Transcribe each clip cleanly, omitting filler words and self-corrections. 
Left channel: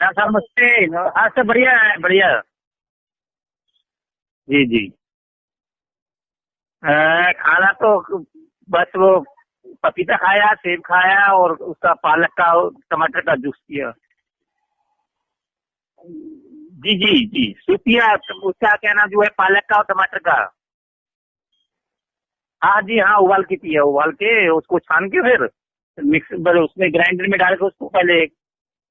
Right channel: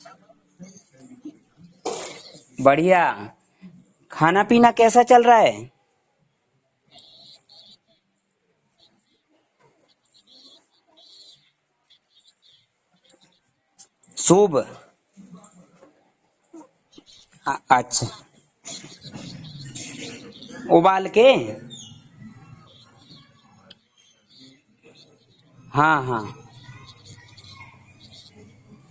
नमस्ते। आज तो बढ़िया है, बढ़िया। बढ़िया। खाना जी पीना जी। कैसा चल रहा है? खाना तो बस वो पपीता खाया, सेब खाया और उसका पालक का और टमाटर का जूस पिया। सूप। जी जी जी, सूप अच्छा। पिया। उसका क्या नाम जो है, पालक का और टमाटर का। उबाल के। हाँ जी हाँ, उबाल के पिया। उबाल के उसको छान के फिर हाँ हाँ। मिक्स उसमें ग्राइंडर में डाल के उसको पहले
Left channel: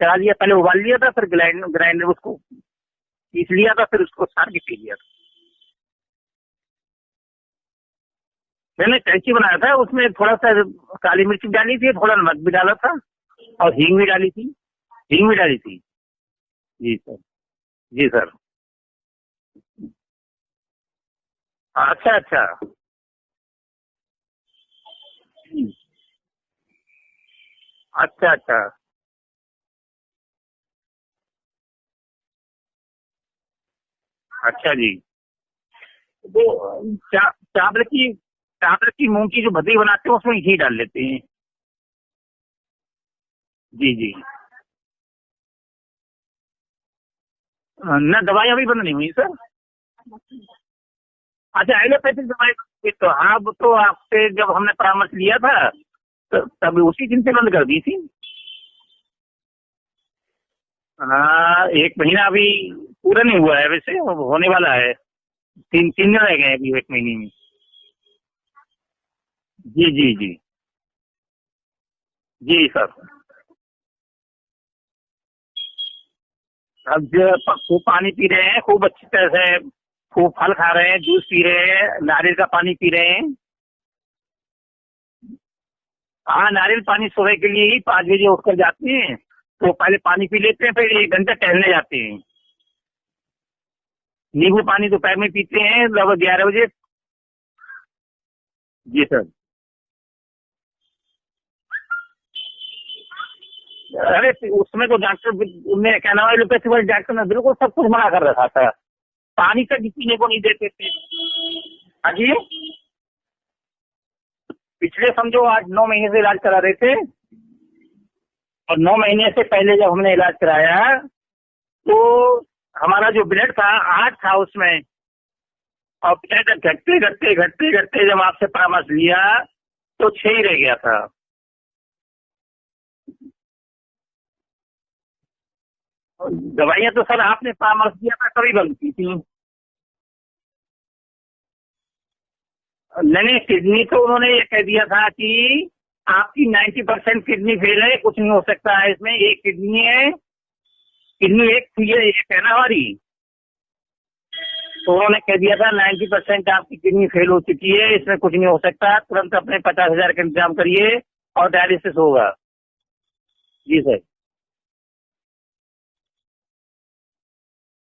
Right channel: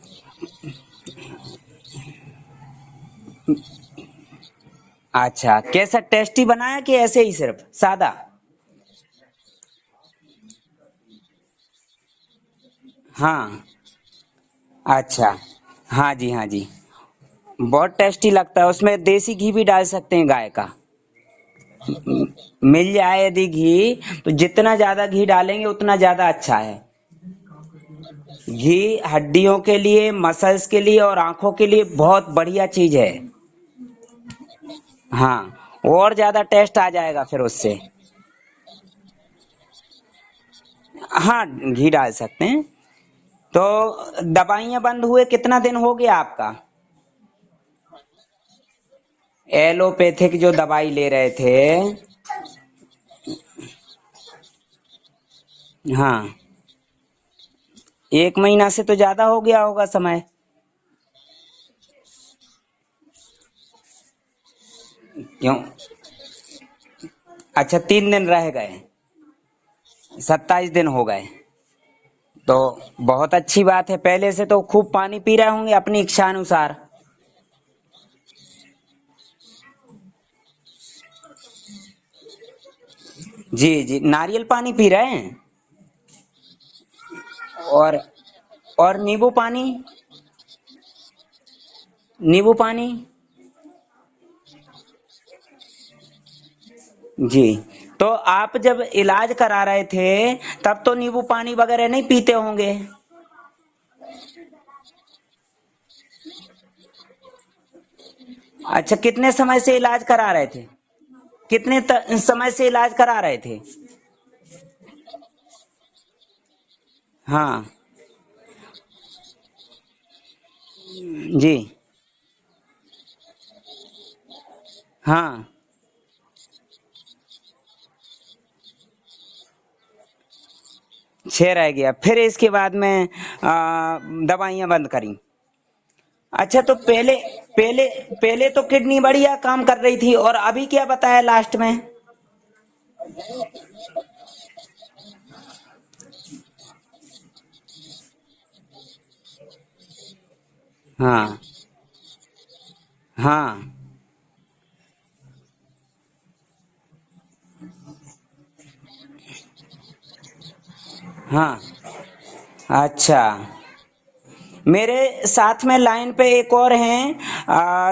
चला लिया। पहले उबाल लिया था, फिर ग्राइंडर उसको पीस लिया था, फिर उसको छान के पी लिया था। अच्छा, कैसा टेस्टी बनाया कि ऐसे ही सिर्फ सादा? मैंने कैंची बनाया था, उसमें थोड़ा सा काली मिर्च भी डाली थी, थोड़ा नमक भी डाला था हाँ। और हींग भी डाली थी। हींग अच्छा। भी डाली थी। हाँ जी, हाँ जी। जी सर। बहुत जी सर। टेस्टी लगता है, उसमें देसी घी भी डाल सकते हैं गाय का। अच्छा अच्छा। मिल जाए यदि घी, तो जितना ज्यादा घी डालेंगे उतना ज्यादा अच्छा है। अच्छा अच्छा। घी हड्डियों के लिए, मसल्स के लिए और आंखों के लिए बहुत बढ़िया चीज है। अच्छा जी। हाँ, और ज्यादा टेस्ट तो आ जाएगा फिर उससे। चावल की मूंग की जो भदी बनाते हैं उसमें घी डाल लेते हैं। हाँ, घी डाल सकते हैं। तो जी जी। दवाइयाँ बंद हुए कितना दिन हो गया आपका? न दवाई अभी बंद नहीं हुई सर। एलोपैथिक जो दवाई ले रहे थे। अच्छा, एलोपैथिक दवाई तो हाँ, वो तो आपसे जब हमने परामर्श लिया था हाँ। तब उसी दिन से बंद कर दी थी। 1 महीना से तो ज्यादा हो गया होगा समय। हाँ, 1 महीना अभी पूरा नहीं हुआ है, वैसे अब होने वाला है। क्यों? तीन तीन दिन रह गए हैं अभी 1 महीने में। अच्छा, 3 दिन रह गए। जी जी जी। 27 दिन हो गए। तो जी सर। बहुत अच्छी बात है, पहले से तो खूब पानी पी रहे होंगे अपनी इच्छा अनुसार। अब जो खूब पानी पी रहे हैं, खूब अच्छी तरह से खूब फल खा रहे हैं, जूस पी रहे हैं, नारियल का पानी पी रहे हैं। जी जी, नारियल पानी पी रहे हैं। हाँ, नारियल पानी सुबह के लिए ही और 5 बजे उठकर जाते और हैं। नींबू पानी। तो पहले पानी पी लेते हैं, फिर 1 घंटा टहलने जाते हैं। नींबू पानी। नींबू पानी दोपहर में पीते हैं लगभग 11 बजे। जी। तो आप जब जी सर। इलाज करा रहे थे, तब तो नींबू पानी वगैरह नहीं पीते होंगे? अरे उसमें तो डॉक्टर ने क्या नाम है, एलोपैथी वाले डॉक्टर ने बिल्कुल सब कुछ मना कर रखा था। अच्छा, कितने समय पानी से तक इलाज पीने को करा नहीं रहे थे? देते थे। हाँ जी। समय से इलाज करा रहे थे? पिछले समझो 8-9 महीने से इलाज करा रहे थे। हाँ। और 9 महीने से पहले जब हमने इलाज कराया जी। तो हमारा जो ब्लड था 8 था उसमें। हाँ। और ब्लड घटते घटते घटते घटते जब आपसे परामर्श लिया तो 6 ही रह गया था। 6 रह गया, फिर इसके बाद में दवाइयाँ बंद करी। अच्छा, तो दवाइयां तो पहले सर आपने पहले परामर्श दिया था पहले तभी तो बंद की किडनी थी। बढ़िया काम कर रही थी, और अभी क्या बताया लास्ट में? नहीं, किडनी तो उन्होंने ये कह दिया था कि आपकी 90% किडनी फेल है, कुछ नहीं हो सकता है इसमें, एक किडनी है। हाँ किडनी एक थी, ये है ना हमारी। हाँ। तो उन्होंने कह दिया था 90% आपकी किडनी फेल हो चुकी है, इसमें कुछ नहीं हो सकता, तुरंत अपने 50,000 का इंतजाम करिए और हाँ। डायलिसिस होगा। अच्छा। जी सर। मेरे साथ में लाइन पे एक और हैं,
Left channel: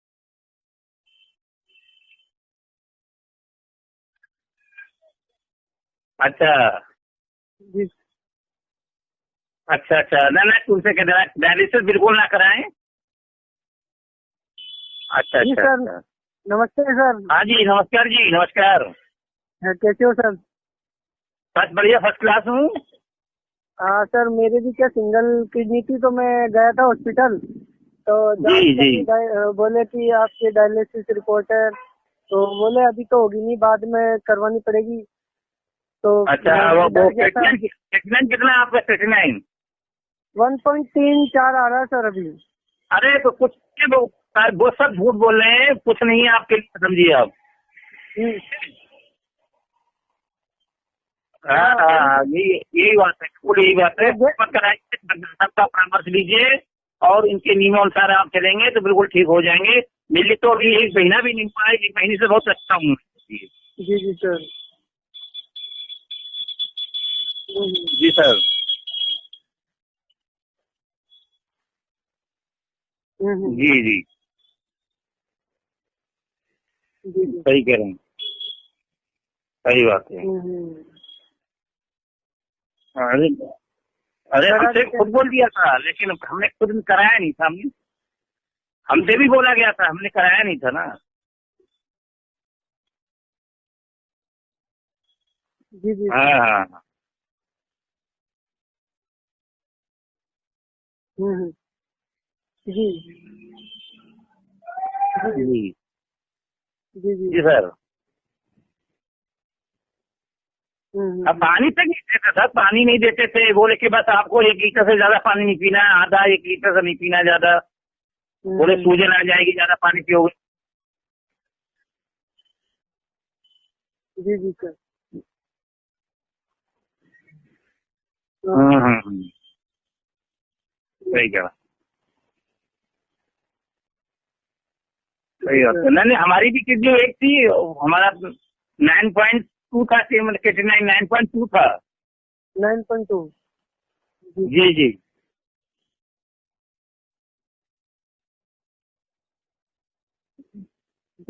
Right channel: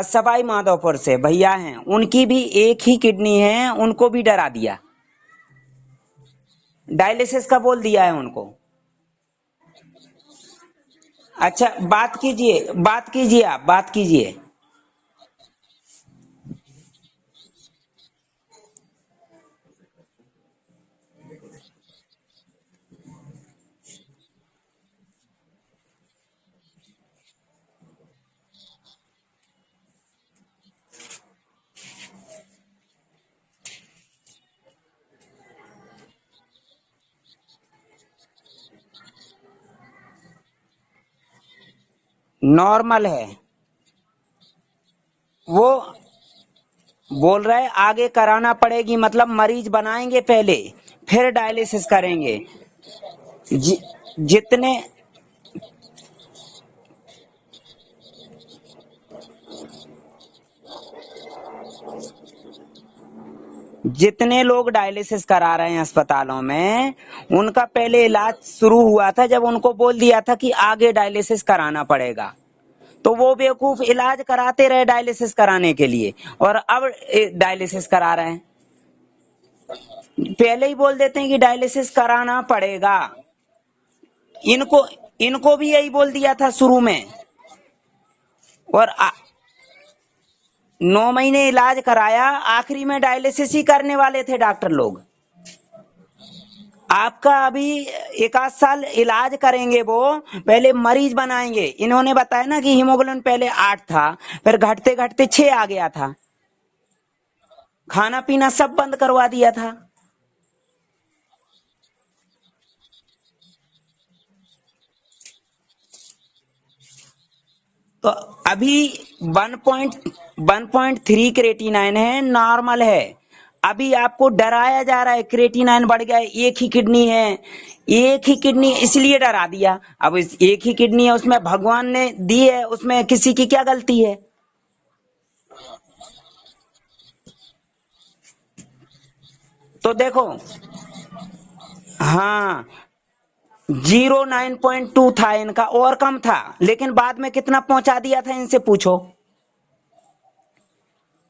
सवाई माधोपुर से भैया हैं, उनकी भी एक ही किडनी है, उनको भी डरा दिया। अच्छा डायलिसिस का बोल दिया है उनको। अच्छा। अच्छा, ना ना, तुमसे कह रहा अच्छा, डायलिसिस बात बिल्कुल ना कीजिए, कराएं। बात कीजिए, आप बात कीजिए। अच्छा जी अच्छा सर। अच्छा। नमस्ते सर। हाँ जी, नमस्कार जी, नमस्कार। कैसे हो सर? बस बढ़िया, फर्स्ट क्लास हूँ। सर मेरे भी क्या सिंगल किडनी थी, तो मैं गया था हॉस्पिटल। तो जी जांच जी। करी, बोले कि आपकी डायलिसिस रिपोर्ट है। तो बोले अभी तो होगी नहीं, बाद में करवानी पड़ेगी। तो अच्छा, मैं वो डर गया था। क्रिएटिनिन कितना है आपका, क्रिएटिनिन? 1.34 आ रहा है सर अभी। नॉर्मल अरे है। तो कुछ वो सब झूठ बोल रहे वो हैं, कुछ नहीं है आपके लिए, समझिए आप। बोल रहे आगे ठीक कराना है। पड़ेगी, मतलब मरीज बनाएंगे पहले, फिर हाँ डायलिसिस हाँ, करेंगे। यही बात है, बिल्कुल यही जि, बात है, वो मत जितने कराइए, सबका परामर्श लीजिए और इनके नियमानुसार आप चलेंगे तो बिल्कुल ठीक हो जाएंगे। मेरी तो अभी 1 महीना भी नहीं हुआ है, 1 महीने से बहुत अच्छा हूँ। जी जी जितने सर। लोग डायलिसिस करा रहे हैं अस्पतालों में, उनका पहले जी इलाज सर। शुरू हुआ था जब उनको बोल दिया था कि आगे डायलिसिस कराना पड़ेगा, तो वो जी जी बेवकूफ जी। इलाज कराते रहे डायलिसिस कराने के लिए, और अब जी सही कह डायलिसिस रहे हैं, करा रहे हैं। सही बात है। पहले ही बोल देते हैं कि डायलिसिस कराना पड़ेगा। अरे अरे, इनको हमसे खुद बोल दिया इनको भी था, यही बोल लेकिन दिया हमने था खुद शुरू भी में। कराया नहीं था। हमने और हमसे भी बोला गया था, हमने कराया नहीं था ना। 9 महीने इलाज कराया, आखिरी में डायलिसिस ही करने वाले थे डॉक्टर लोग। जी जी हाँ हाँ। आपका अभी 1 आध साल इलाज करेंगे, वो पहले मरीज बनाएंगे। इन्होंने बताया ना कि जी हीमोग्लोबिन पहले 8 था, फिर घटते घटते 6 आ जी गया था। जी जी। जी सर। खाना पीना सब बंद करवा दिया था। अब पानी तक नहीं देते सर, पानी नहीं देते थे, बोले कि बस आपको 1 लीटर से ज्यादा पानी नहीं पीना, आधा 1 लीटर से नहीं पीना ज्यादा, तो बोले अभी सूजन आ जाएगी ज्यादा पानी पियोगे। 1.3 क्रेटिनाइन है, नॉर्मल है। अभी आपको जी जी सर। डराया जा रहा है क्रेटिनाइन बढ़ गया है, एक ही किडनी है। एक ही किडनी इसलिए डरा दिया। अब इस एक ही किडनी है, सही उसमें कहा। भगवान ने दी है, उसमें किसी की क्या गलती है। सही बात है। नहीं नहीं, हमारी भी किडनी एक थी, हमारा 9.2 तो था, देखो, 9.2 था। हाँ, 9.2। जीरो नाइन जी जी। पॉइंट टू था इनका, और कम था। लेकिन बाद में कितना पहुंचा दिया था, इनसे पूछो।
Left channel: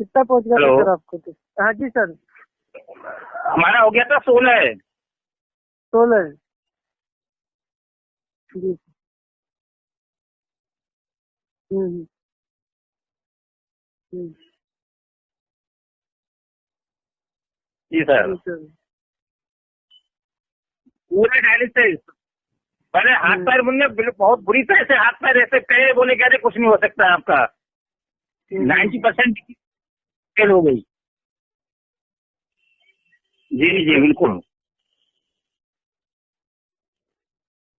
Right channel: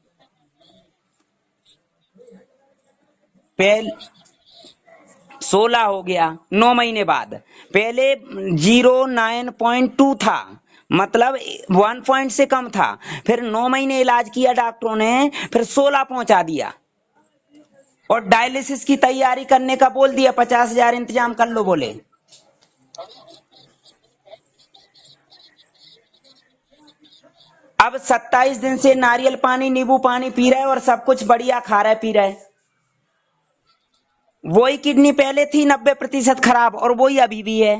कितना पहुंच गया था हेलो, सर आपको तो? हाँ जी सर। हमारा हो गया था 16। 16 हो 16। गया 9 महीने बाद। पहले जी 09.2 था, मतलब 1 पॉइंट से कम था। फिर 9 महीने इलाज किया डॉक्टरों ने, फिर 16 पहुंचा दिया। जी और सर। डायलिसिस की तैयारी करने का बोल दिया, 50,000 इंतजाम बोले कर लो बोले। डायलिसिस, पहले हाथ पैर मुन्ने बहुत बुरी तरह से हाथ पैर ऐसे कहे, बोले कहते कुछ नहीं हो सकता आपका। अब 27 दिन से 90% नारियल पानी नींबू पानी पी फेल रहे हो हैं, और गई। सब कुछ बढ़िया खा रहे पी रहे। जी जी बिल्कुल। वही किडनी पहले थी 90% खराब, और वही अभी भी है।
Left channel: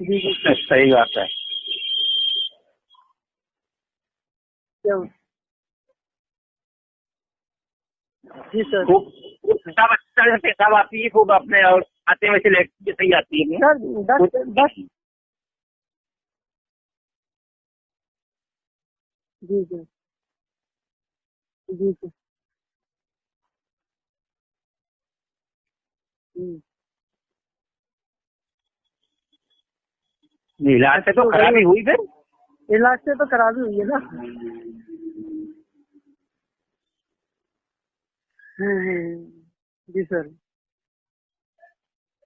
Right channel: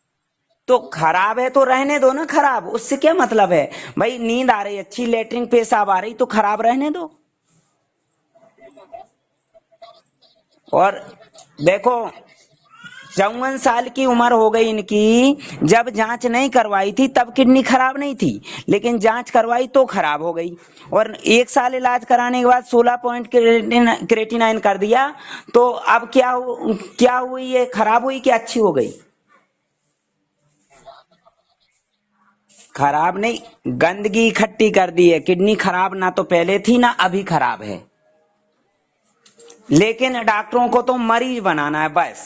जी जी। तो सही बात है। खराब है तो रहने दो ना खराब, उससे क्या मतलब है। भाई नींद आ रही है, क्या? अच्छी लेटरिन पेशाब आ रही, तो खराब रहने दो। जी सर। खूब पेशाब अच्छा से पेशाब और आती है खूब अपने, और देखो, खाते में से लेट सही आती 54 है। सर साल की बस उम्र हो गई बस। इनकी। जब जांच नहीं करवाई थी तब किडनी खराब नहीं थी, लेकिन जांच जी करवाई जी तो खराब हो गई। और 1 साल जी इलाज जी। कराने के बाद 16 पॉइंट क्रेटिनाइन कर दिया। तो अब क्या हुई, ये खराब हुई कि अच्छी हो गई। इलाज से अच्छी तो हो गई। खराबी हुई फिर। इलाज से खराब तो नहीं, खराबी हुई है ना। गंदगी इकट्ठी कर दी है। किडनी खराब ना तो पहले थी ना अभी खराब है। जी लेकिन सर। डॉक्टरों को तो मरीज बनाना है बस।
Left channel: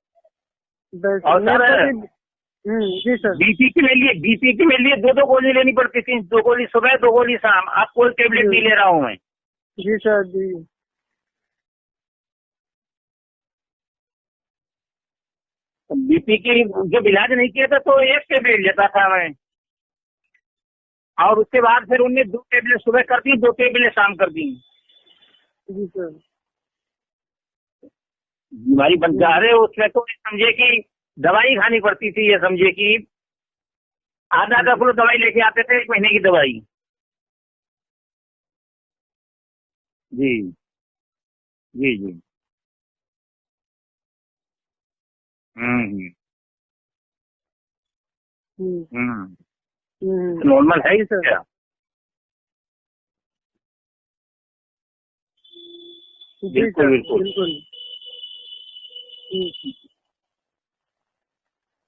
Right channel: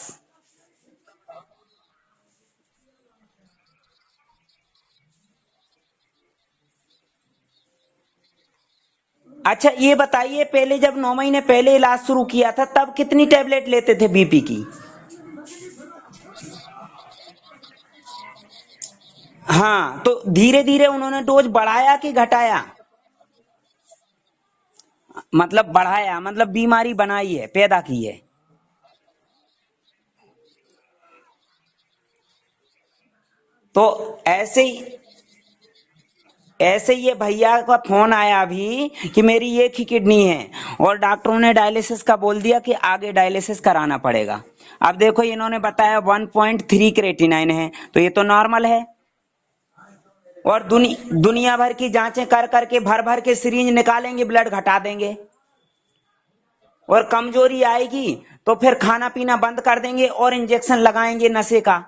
बस और मेरे को सर, भी। जी सर। बीपी के लिए, बीपी के लिए दो गोली लेनी पड़ती थी, 2 गोली सुबह 2 गोली शाम। अब कोई टेबलेट नहीं ले रहा हूँ मैं। अच्छा ये जी सर। बताइए, जी पहले जब 9 महीने पहले इलाज शुरू किया था तब कितनी टेबलेट लेते थे बीपी की। बीपी की जब इलाज नहीं किया था तो एक टेबलेट लेता था मैं, हाँ, तो धीरे धीरे उन्होंने और डोज उसके बाद बढ़ाया फिर कि उनने 2 घटाया। टेबलेट सुबह कर दी, 2 टेबलेट शाम कर दी। मतलब जी सर। बढ़ाया, मतलब बीमारी बनाई है, पैदा की है। बीमारी बन जा रहे, उसमें तो समझे कि दवाई खानी पड़ती थी, ये समझे कि तो आधा ऐसे आधा ही किलो दवाई लेके आते थे, 1 महीने की दवाई। ऐसे ही ये भैया का फोन आया अभी कि मेरी एक ही किडनी जी है, और डॉक्टरों ने जी डायलिसिस जी। का बोल दिया कि आगे डायलिसिस कराना पड़ेगा। अब देखो, इन्होंने बताया हम्म 1.3 क्रेटिनाइन है, तो ये तो नॉर्मल है। हम्म। और नॉर्मल है ही सर। दुनिया भर की जांचें कर करके भर भर के सिरिंज निकालेंगे, ब्लड घटा देंगे। जी बिल्कुल सर और बिल्कुल। बिल्कुल। कमजोरी आएगी तो फिर खाना पीना बंद कर देंगे और इंजेक्शन लगाएंगे नशे का,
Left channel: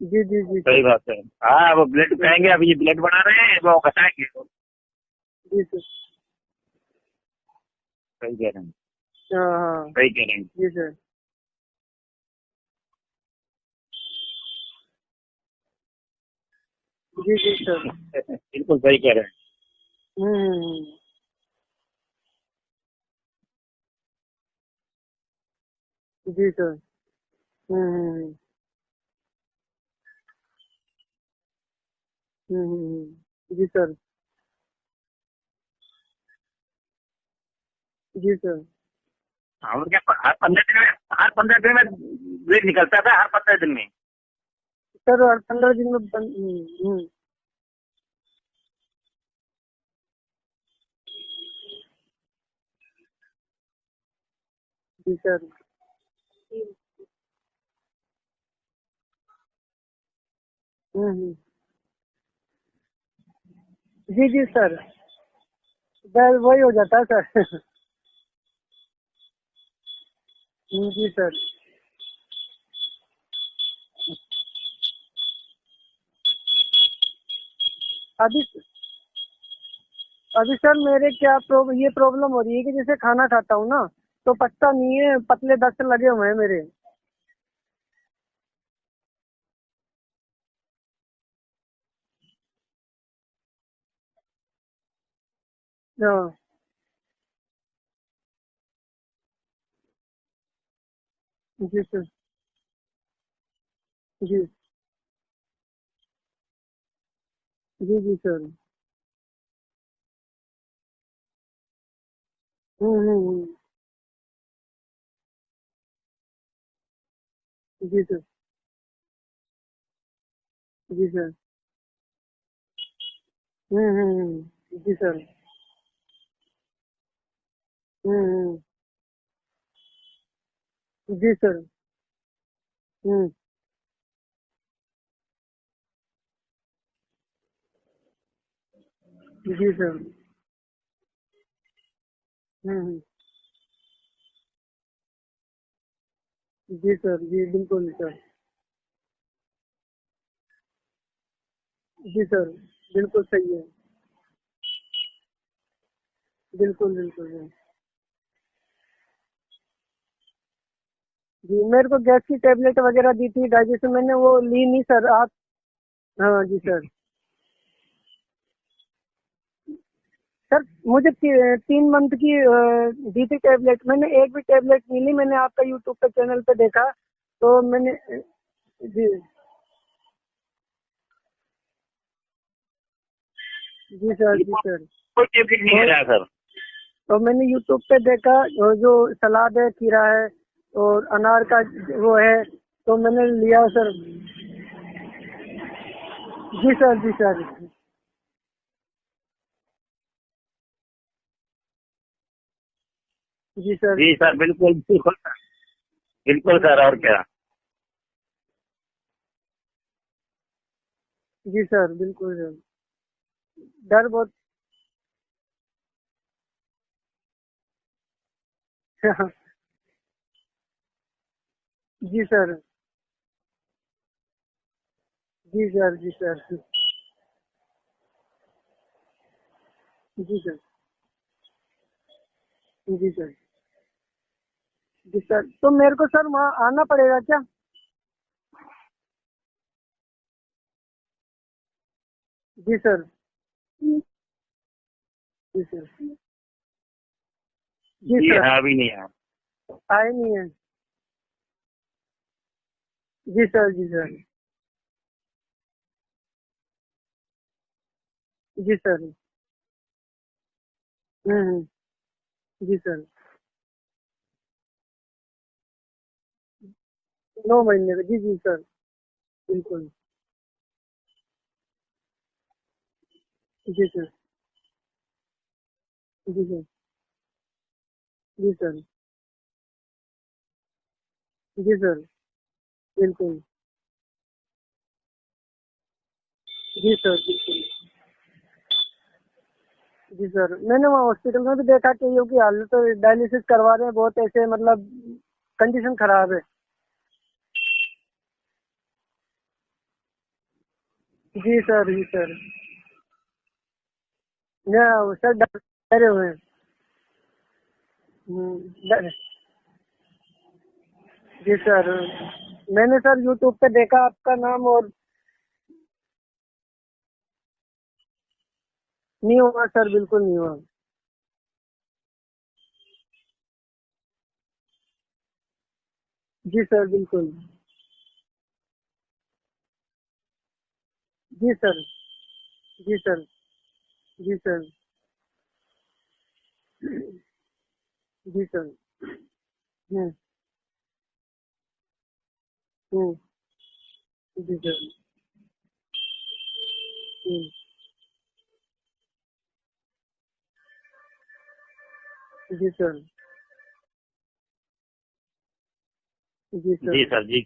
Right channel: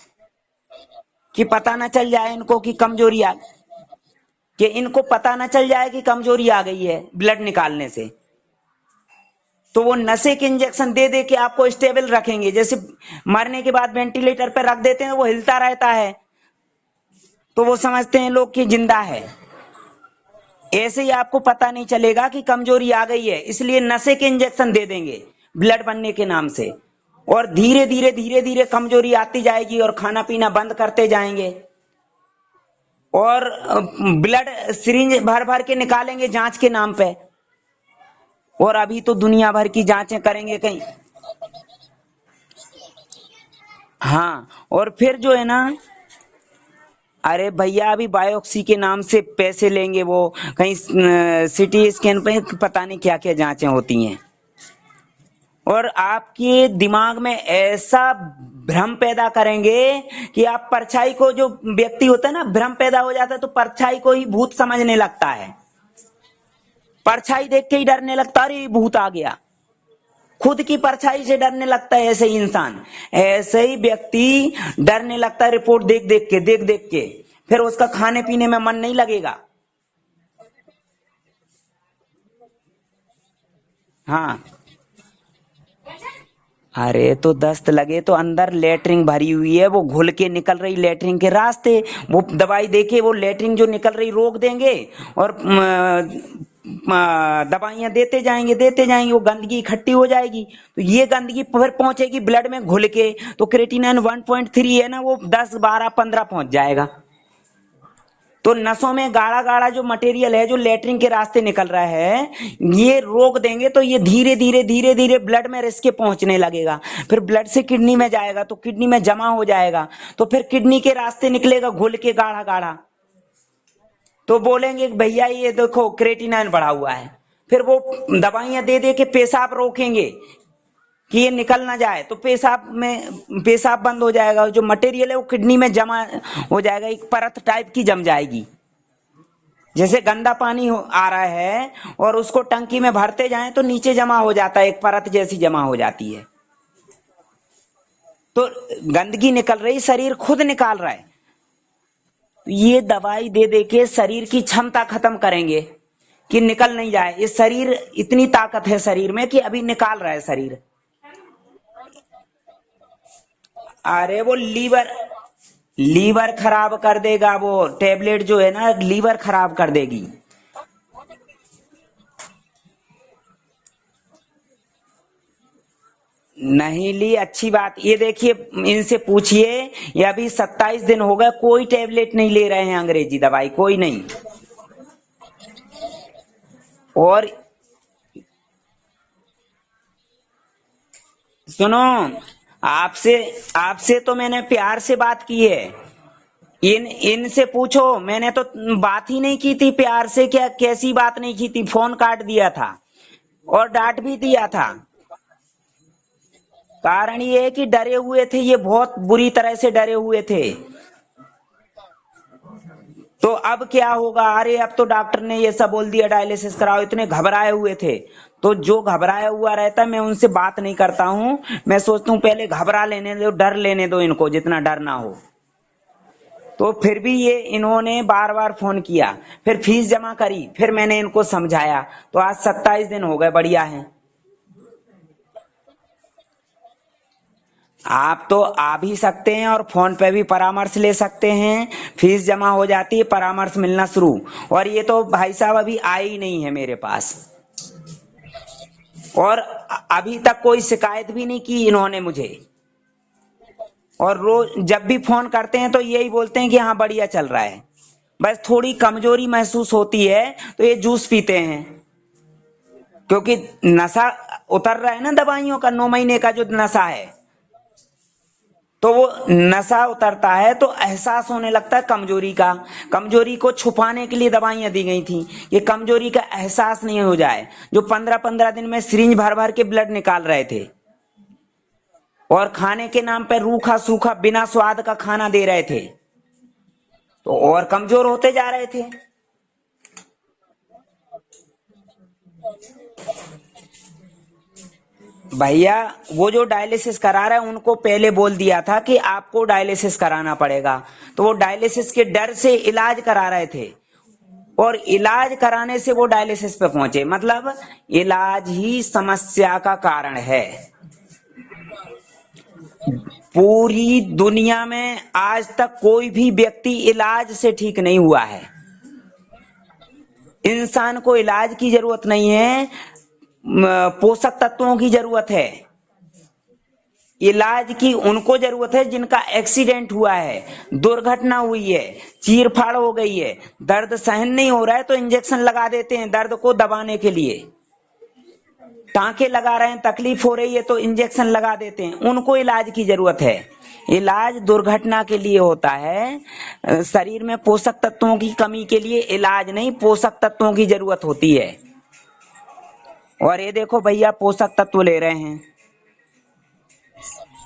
जी जी जी सही सर। बात है। कि हाँ, पता वो ना चल ब्लड जाए बढ़ाएंगे, इनको कि अभी ब्लड कमजोरी बढ़ा आ, रहे हैं, वो घटाएंगे। कि इनको पता ना जी चल सर। जाए कि कमजोरी आ गई है ब्लड निकालने से। सही कह रहे हैं। हाँ तो हाँ। वो सही कह नशे रहे के हैं। जी सर। इंजेक्शन दे दे के आपको स्टेबल रखेंगे। जैसे मरने के बाद वेंटिलेटर पर रख देते हैं, वो हिलता रहता है, जी जी तो वो सर। समझते हैं लोग कि बिल्कुल सही जिंदा कह है। रहे हैं। ऐसे ही आपको पता नहीं चलेगा कि कमजोरी आ गई है, इसलिए नशे के इंजेक्शन दे देंगे ब्लड बनने के नाम जी से। सर। और धीरे धीरे कमजोरी आती जाएगी, और खाना पीना बंद करते जाएंगे। और जी सर। ब्लड सिरिंज भर भर के निकालेंगे जांच के नाम पे। जी सर। और अभी तो दुनिया भर की और क्या, जांचें हर करेंगे 15 दिन कहीं। में, हर 15 दिन में ब्लड निकलता था, हर 15 दिन में। हाँ, और फिर सर जो है ना, 15 दिन में अरे भैया अभी बायोप्सी के नाम से पैसे लेंगे वो, कहीं सिटी स्कैन पे पता नहीं क्या क्या जांचें होती हैं। जी सर। और आपके दिमाग में ऐसा भ्रम पैदा करेंगे कि आप परछाई को, जो व्यक्ति होता है ना, भ्रम पैदा हो जाता है तो परछाई को ही जी जी भूत सर। समझने लगता है। सर वही हो जाता है सर। परछाई देख के ही डरने लगता है, अरे भूत आ गया। खुद की जी परछाई सर। से डरने लगता है ऐसे ही इंसान। ऐसे ही व्यक्ति डरने लगता है रिपोर्ट देख देख के, फिर उसका खाने अभी पीने में मन नहीं लगेगा। अभी सर मेरे क्या ये प्रॉब्लम हो रही है कि जैसे खाना खाता हूँ ना, तो हाँ, पचता नहीं है, पतले दस्त लगे हुए हैं मेरे। अरे तो दस्त लगे तो अंदर लेटरिन भरी हुई है, वो घुल के निकल रही लेटरिन के रास्ते। वो दवाई देके वो लेटरिन जो निकल रही रोक देंगे, और हाँ दवाइयां देते जाएंगे, वो गंदगी इकट्ठी हो जाएगी, तो ये गंदगी फिर जी सर। पहुंचेगी ब्लड में घुल के, तो क्रेटिनिन जी 1.3 है ना, वो 10, 12, 15 पहुंच जाएगा। जी सर। तो नसों में गाढ़ा गाढ़ा जो मटेरियल है, जो लेटरिन के रास्ते निकल रहा है, ये रोक देंगे तो ये धीरे धीरे धीरे धीरे ब्लड में रिस के पहुंचने लगेगा, फिर ब्लड से किडनी जी में सर। जाएगा, तो किडनी में जमा हो जाएगा, तो फिर किडनी के जी रास्ते सर। निकलेगा घुल के गाढ़ा गाढ़ा, तो बोलेंगे कि जी सर। भैया ये देखो क्रेटिनाइन बढ़ा हुआ है, फिर वो दवाइयां दे दे के पेशाब रोकेंगे कि ये जी सर। निकल ना जाए, तो पेशाब हम्म। में पेशाब बंद हो जाएगा, जो मटेरियल है वो किडनी में जमा हो जाएगा, एक परत टाइप की जम जाएगी। जी सर। जैसे गंदा पानी आ रहा है और उसको टंकी में भरते जाएं तो नीचे जमा हो जाता है, एक परत जैसी जमा हो जाती है, जी सर। जी बिल्कुल सर। तो गंदगी निकल रही, शरीर खुद निकाल रहा है, जी सर। तो ये बिल्कुल दवाई दे सही दे है। के शरीर की क्षमता खत्म करेंगे कि निकल नहीं बिल्कुल जाए, ये बिल्कुल। शरीर इतनी ताकत है शरीर में कि अभी निकाल रहा है शरीर। जी मेरे को गैस की टेबलेट वगैरह दी थी डाइजेशन, मैंने अरे वो वो ली नहीं लीवर, सर। आप लीवर हाँ जी खराब सर। कर देगा, वो टेबलेट जो है ना लीवर खराब कर देगी। सर मुझे 3 मंथ की दी थी टेबलेट, मैंने एक भी टेबलेट नहीं ली। मैंने आपका यूट्यूब पे चैनल पे देखा नहीं ली, अच्छी तो बात, मैंने ये देखिए इनसे जी पूछिए, ये अभी 27 दिन हो गए, कोई टेबलेट नहीं ले रहे हैं, अंग्रेजी दवाई कोई नहीं। जी सर। जी सर। कोई टेबलेट नहीं ले तो रहा सर। तो और मैंने यूट्यूब पे देखा, जो सलाद है, खीरा है और अनार का सुनो, वो है, तो आपसे मैंने लिया सर। आपसे तो मैंने प्यार से बात की है, जी इन सर। जी इनसे सर। पूछो, मैंने तो बात ही नहीं की थी प्यार से, क्या कैसी बात नहीं की थी, फोन काट दिया था और जी डांट सर। जी भी सर, दिया था। बिल्कुल बिल्कुल बिल्कुल सर, और क्या। कारण ये है कि डरे हुए थे, ये बहुत बुरी तरह से डरे हुए थे, जी सर। बिल्कुल सर। तो अब क्या डर होगा, बहुत। अरे अब तो डॉक्टर ने ये सब बोल दिया डायलिसिस कराओ, इतने घबराए हुए थे, तो जो घबराया हुआ रहता है मैं उनसे बात नहीं करता हूँ, मैं सोचता हूँ जी पहले सर। घबरा लेने दो, डर लेने दो इनको, जितना डर ना हो। जी सर। जी सर। तो फिर भी ये इन्होंने बार बार फोन किया, फिर फीस जमा जी करी, सर। फिर मैंने इनको समझाया, तो आज 27 दिन जी हो सर। गए, बढ़िया है। जी सर। तो मेरे को सर वहाँ आना पड़ेगा क्या? आप तो आ भी सकते हैं और फोन पे भी परामर्श ले सकते हैं, फीस जमा हो जी जाती सर। है, परामर्श मिलना शुरू। और ये तो भाई साहब जी अभी सर। आए ही नहीं है मेरे पास, जी जी सर। हाँ, अभी नहीं आया। और आए अभी नहीं तक है। कोई शिकायत भी नहीं की इन्होंने मुझे, जी सर। जी सर। और रोज जब भी फोन करते हैं तो यही बोलते हैं कि हाँ बढ़िया चल रहा है, बस थोड़ी जी सर। कमजोरी महसूस होती है, तो ये जूस पीते हैं, हम्म। जी सर। क्योंकि नशा उतर रहा है ना दवाइयों का, 9 महीने का जो नशा है, 9 महीने का। जी जी सर। तो वो जी नशा सर। उतरता है तो एहसास होने लगता है कमजोरी का, कमजोरी को जी सर। छुपाने के लिए दवाइयां दी गई थी, ये कमजोरी का जी सर। एहसास नहीं हो जाए, जो 15-15 जी दिन सर। में सिरिंज भर भर के ब्लड निकाल रहे थे, जी सर। और खाने के नाम बिल्कुल। पे रूखा सूखा बिना स्वाद का खाना दे रहे थे, जी सर। तो जी सर। और कमजोर होते जा रहे थे। जी सर। मैंने वहाँ हॉस्पिटल में भी देखा कि ये की हालत, डायलिसिस करवा रहे हैं बहुत, ऐसे मतलब भैया कंडीशन वो खराब है। जो डायलिसिस करा रहे हैं उनको पहले बोल दिया था कि आपको डायलिसिस कराना पड़ेगा, तो वो जी डायलिसिस सर। के जी डर सर। से इलाज करा रहे थे, और या इलाज सर कराने से वो डरे हुए हैं। डायलिसिस पे पहुंचे, मतलब इलाज ही डर- समस्या का कारण है। जी सर। मैंने सर यूट्यूब पे पूरी देखा आपका दुनिया नाम, वो में आज तक कोई भी व्यक्ति इलाज से ठीक नहीं हुआ है, नहीं हुआ सर, बिल्कुल नहीं हुआ। इंसान को इलाज की जरूरत नहीं है, पोषक तत्वों की जरूरत है, जी सर। बिल्कुल। इलाज की उनको जरूरत है जिनका एक्सीडेंट हुआ है, दुर्घटना जी हुई सर। है, चीर फाड़ हो जी गई सर। है, दर्द सहन जी नहीं सर। हो रहा है तो इंजेक्शन लगा देते हैं दर्द को दबाने के लिए, जी सर। टांके लगा रहे हैं, हम्म। तकलीफ हो रही है तो इंजेक्शन लगा देते हैं, उनको इलाज की जरूरत है। इलाज जी सर। दुर्घटना के लिए होता है, शरीर में पोषक तत्वों की कमी के लिए इलाज नहीं, पोषक तत्वों की जरूरत होती है। जी सर। और ये देखो भैया पोषक तत्व ले रहे हैं, जी सर। जी सर जी।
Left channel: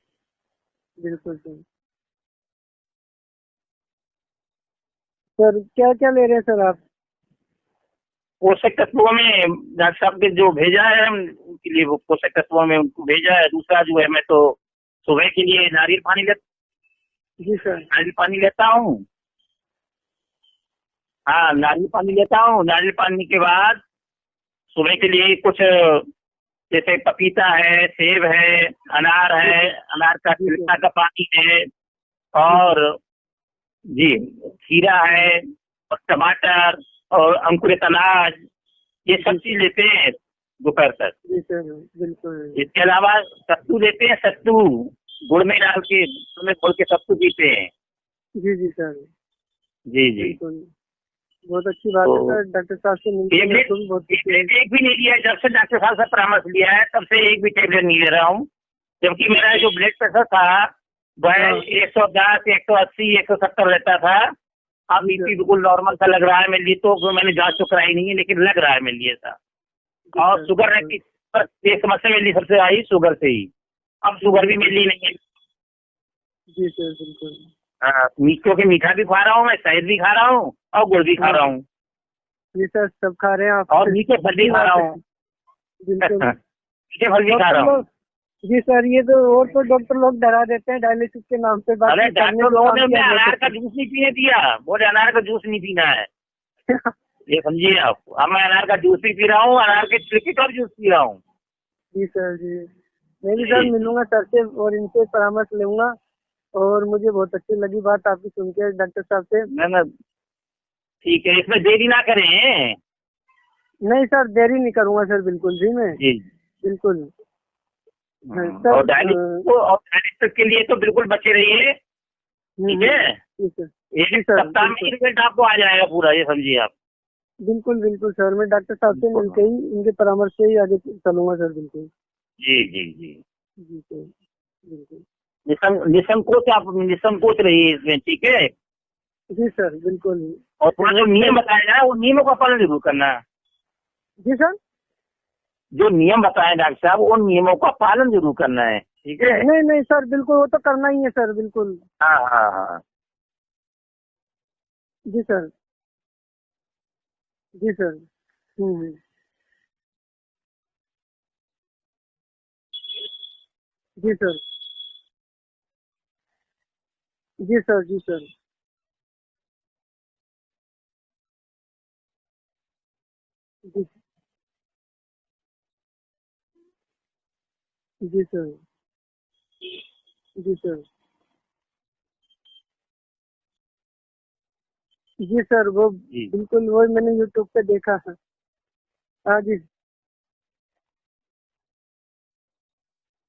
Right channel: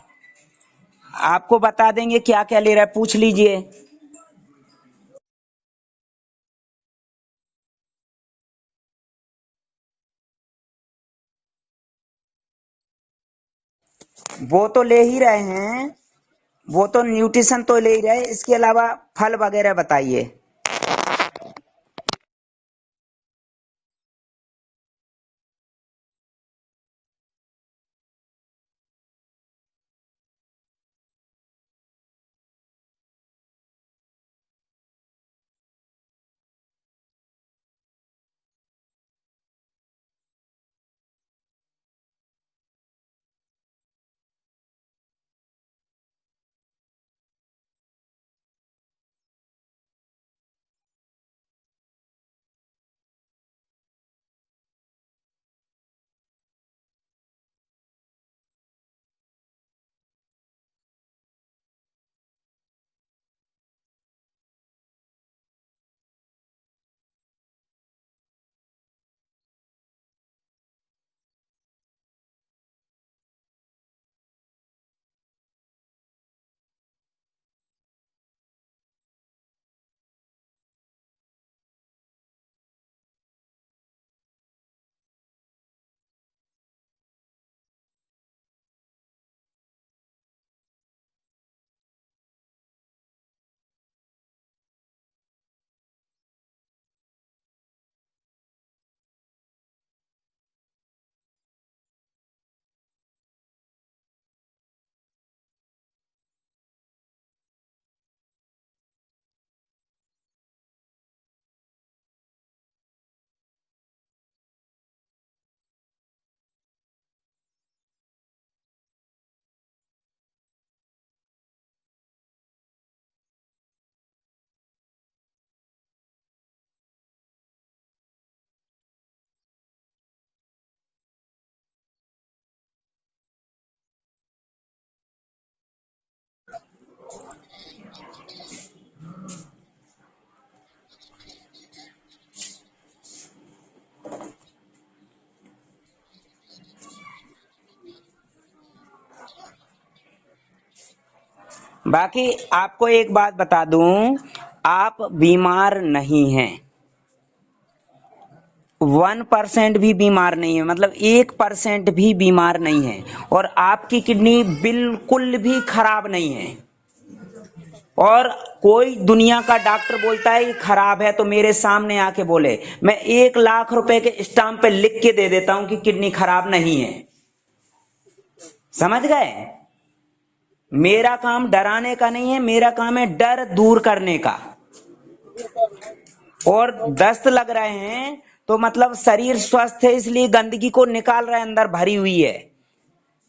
बिल्कुल आपको सर। बता देंगे क्या क्या ले रहा है, पूछ लीजिए। सर क्या क्या ले रहे हैं सर आप? पोषक तत्वों में डॉक्टर साहब ने जो भेजा है उनके लिए, वो पोषक तत्वों में उनको भेजा है। दूसरा जो है, मैं तो वो तो ले ही सुबह के रहे लिए हैं, नारियल पानी वो तो जी न्यूट्रिशन तो सर। ले ही नारियल रहे, पानी इसके लेता अलावा हूँ। फल वगैरह बताइए। हाँ, नारियल पानी लेता हूँ। नारियल पानी के बाद सुबह के लिए कुछ जैसे पपीता है, सेब है, अनार है, अनार का जी छिलका सर। का पानी है, जी सर। और जी खीरा है, और टमाटर, और अंकुरित अनाज, ये सब चीज लेते हैं दोपहर तक। जी सर बिल्कुल। इसके अलावा सत्तू लेते हैं, सत्तू गुड़ में डाल के, गुड़ में घोल के सत्तू पीते हैं। जी जी सर जी जी। बिल्कुल। बहुत अच्छी बात है तो सर, डॉक्टर साहब से मिलकर मेरे टेबलेट को भी बहुत खुशी हुई। एक भी नहीं लिया है। जब से डॉक्टर साहब से परामर्श लिया है तब से एक भी टेबलेट नहीं ले रहा हूँ। जबकि मेरा जो ब्लड प्रेशर था वह हाँ। 110, 180, 170 रहता था। अब बीपी बिल्कुल नॉर्मल सा लग रहा है मेरे लिए। तो मैंने जांच तो कराई नहीं है, लेकिन लग रहा है मेरे लिए ऐसा। और शुगर रहती, बस ये समस्या मेरे लिए सबसे आई शुगर से ही। अब शुगर भी मेरे लिए नहीं है। जी सर बिल्कुल। हाँ, क्योंकि मीठा भी खा रहा हूँ मैं, शहद भी खा रहा हूँ और गुड़ भी खा रहा हूँ जी सर सब खा रहे हैं आप। और मीठे फल भी खा रहा हूँ। बिल्कुल। मीठे फल भी खा रहा हूँ। जी सर ये तो और तो डॉक्टर लोग डरा देते हैं डायलिसिस के नाम पे। अरे बाकी करने डॉक्टर को लोगों काम ने किया हमें अनार बहुत का जूस नहीं पीने दिया, बोले अनार का जूस नहीं पीना है। ये समझिए आप। अब मैं अनार का जूस भी पी रहा हूँ, अनार के छिलके का भी जूस पी रहा हूँ। जी सर जी। मैं भी सर मिलूंगा सर से और इनसे परामर्श लूंगा। और मुझे बहुत अच्छी लगी बात आपकी सुन के डॉक्टर साहब से। ना ठीक है, इसमें देरी ना करें। नहीं सर देरी नहीं करूंगा सर, बिल्कुल भी मैं जी। बिल्कुल। और डायलिसिस के लिए तो बिल्कुल बचे रहिए, ठीक है। ठीक है एक जी सर सप्ताह में बिल्कुल। रिजल्ट आपको आ जाएगा पूरा, ये समझिए आप। बिल्कुल बिल्कुल सर, मैं डॉक्टर साहब से मिलके ही इनके परामर्श से ही आगे चलूंगा सर, बिल्कुल। जी जी जी। जी सर बिल्कुल। निसंकोच आप निसंकोच रहिए इसमें, ठीक है। जी सर बिल्कुल। और थोड़ा जो नियम बताया जाए वो नियमों का पालन जरूर करना। जी सर। जो नियम बताए डॉक्टर साहब उन नियमों का पालन जरूर करना है, ठीक है। नहीं नहीं सर बिल्कुल, वो तो करना ही है सर, बिल्कुल। बाकी हाँ। आपको एक बात बता दूं, आप जी सर। बीमार नहीं हैं। जी सर 1% भी बीमार नहीं है, मतलब 1% भी बीमार नहीं है। और आपकी जी सर। किडनी बिल्कुल भी खराब नहीं है। जी सर। जी सर और कोई दुनिया का डॉक्टर बोलता है कि खराब है तो मेरे सामने आके बोले, मैं 1 लाख रुपए के स्टाम्प पे लिख के दे देता हूं कि किडनी खराब नहीं है। जी सर। समझ गए? जी सर। मेरा काम डराने का नहीं है, मेरा काम है डर दूर करने का। जी सर वो बिल्कुल, और वो मैंने दस्त यूट्यूब लग पे रहे देखा था। हैं तो मतलब शरीर हाँ जी। स्वस्थ है, इसलिए गंदगी को निकाल रहे हैं, अंदर भरी हुई है।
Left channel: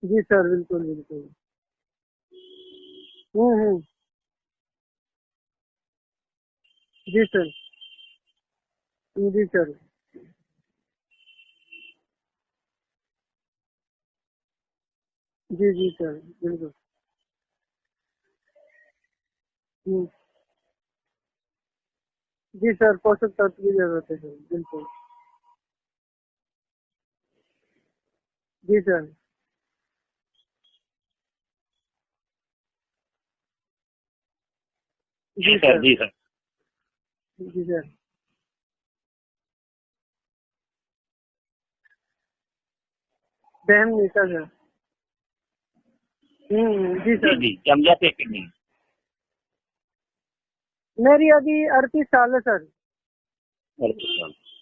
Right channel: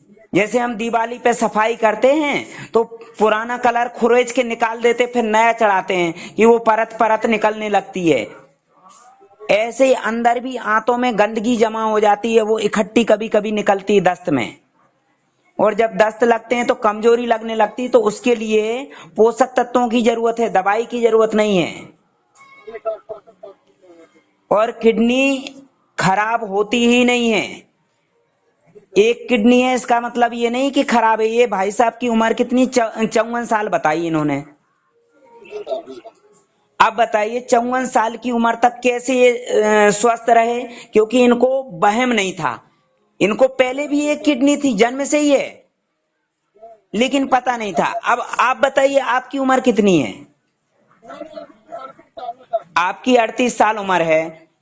जी सर जैसे हम बिल्कुल दिवाली बिल्कुल। पे सफाई करते हैं तो पुराना कलर खुरेज के निकाल देते, फिर नया चढ़ाते हैं कि वो परत परत जी सर। निकलने लगती है। जी सर। ऐसे ही अंदर भी आंतों में गंदगी जमा हो जाती है, वो इकट्ठी कभी कभी निकलती है दस्त में। जी और जी जब सर दस्त लगते हैं बिल्कुल। तो कमजोरी लगने लगती है, तो उसके लिए पोषक तत्वों की जरूरत है, दवाई की जरूरत नहीं है। जी सर पोषक तत्व की जरूरत है सर, और बिल्कुल। किडनी खराब होती ही नहीं है। जी सर। एक किडनी है इसका मतलब ये नहीं कि खराब है। ये भाई साहब की उम्र कितनी, 54 साल बताई इन्होंने। जी सर। जी सर। अब बताइए जी 54 सर। साल की उम्र तक कैसे ये स्वस्थ रहे? क्योंकि इनको वहम नहीं था। इनको पहले सहम भी नहीं एक सर। किडनी थी, जन्म से ही है, जी लेकिन सर। पता नहीं था। समझाते अब थे। आप बताइए आपकी उम्र कितनी है? मेरी अभी 38 साल है सर। आपकी 38 साल उम्र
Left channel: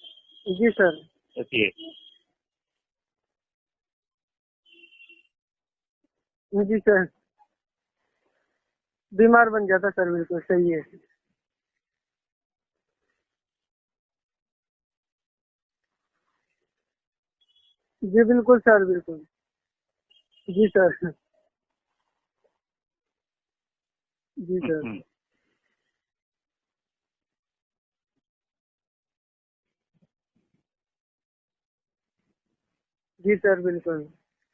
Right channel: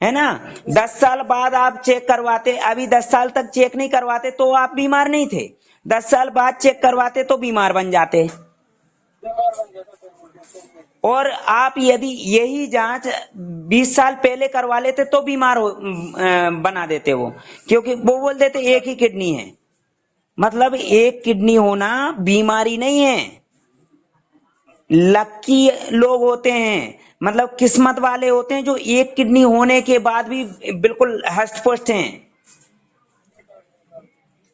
है ना? जी सर। 10 साल बाद जी आप चेक करवाते, अभी 10 साल तक चेक नहीं करवाते तो आप बीमार नहीं थे। 10 साल बाद जी चेक सर करवाते तो बीमार बन जाते। बीमार बन जाता सर, बिल्कुल सही है। और आप यदि यही जांच 20 साल पहले करवा लेते तो बीमार बना देते वो, क्योंकि वो जी बोलते बिल्कुल थे सर, एक ही बिल्कुल। किडनी है। जी मतलब सर। एक किडनी होना बीमारी नहीं है। जी सर। लक्की लोग होते हैं, मतलब किस्मत वाले होते हैं जो एक किडनी होने के बाद भी बिल्कुल हष्ट पुष्ट हैं। जी सर बिल्कुल।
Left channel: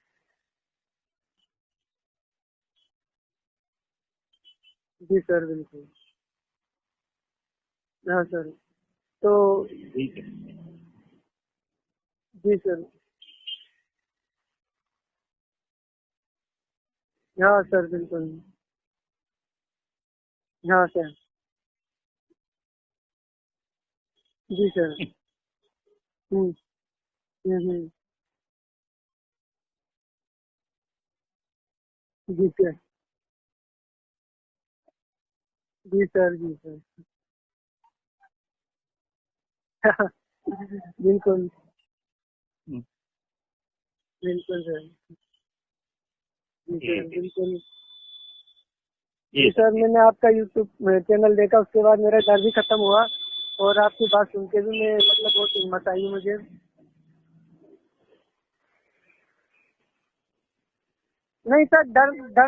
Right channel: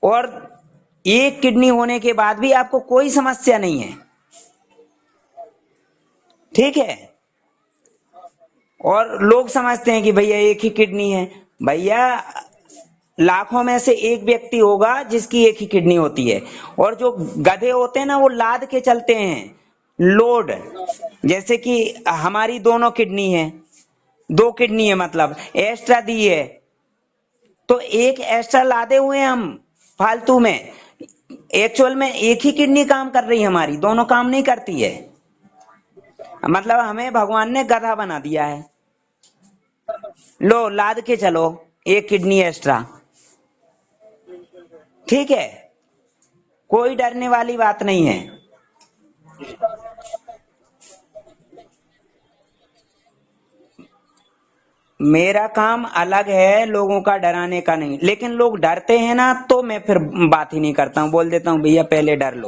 और एक किडनी होने के बाद भी आपको कोई समस्या नहीं है। जी सर बिल्कुल। ठीक है? हाँ सर। और तो लोग समझते हैं कि भैया एक ही किडनी है। भैया जी सर। लाखों में से एक व्यक्ति होगा जिसकी एक ही किडनी होती है। और जो हाँ गधे सर होते हैं ना, वो बिल्कुल। लाद के चलते हैं, लोड। हाँ सर। जैसे कि हमारी दोनों किडनी है, 2 जी किडनी सर। है, मतलब एक्स्ट्रा दी है। तो एक एक्स्ट्रा लादे हुए हम फालतू में। एक्चुअल में एक जी ही सर। किडनी काम कर रही है, हमारी दोनों काम नहीं करती है। जी सर मतलब बिल्कुल। हमें भगवान ने गधा बना दिया है। लो लाद के चलो, बिल्कुल एक किडनी एक्स्ट्रा। बिल्कुल सर। ठीक है? कोई जी डरने वाली बिल्कुल। बात नहीं है। जी जी सर, मैंने आपका यूट्यूब चैनल देखा, उसके बाद मेरा डर भी खत्म हुआ। और आपकी बात सुन के भी मैं मेरा बहुत काम हिम्मत आई अलग मुझे। है, लोगों का डराने का नहीं। लेकिन लोग डरते हैं ना, तो मैं फिर बात ही नहीं करता हूँ, बोल देता हूँ नहीं भैया सर, पहले डर लो।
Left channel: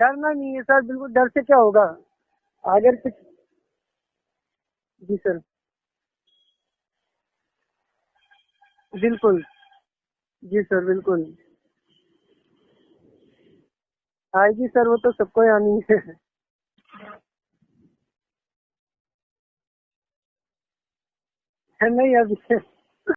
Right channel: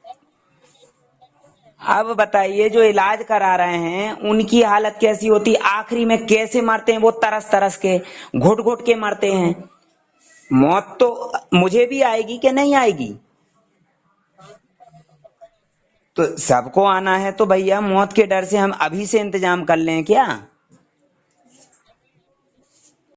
डरना नहीं है सर, बिल्कुल। डर से क्या होगा? अब बताइए, जो अगर इलाज करा रहे हैं उनकी हालत जी कैसी सर, होती, आखिरी में कैसे मरते हैं वो, तरस तरस के, घुट घुट के मरते बिल्कुल। हैं। जी सर, मौत तो बिल्कुल मुझे भी आएगी कि नहीं आएगी? आएगी सर, वो तो सबको ही आनी है। तो सबको आना है, तो भैया मौत के डर से हम अभी से इंतजाम कर लें क्या? नहीं, अभी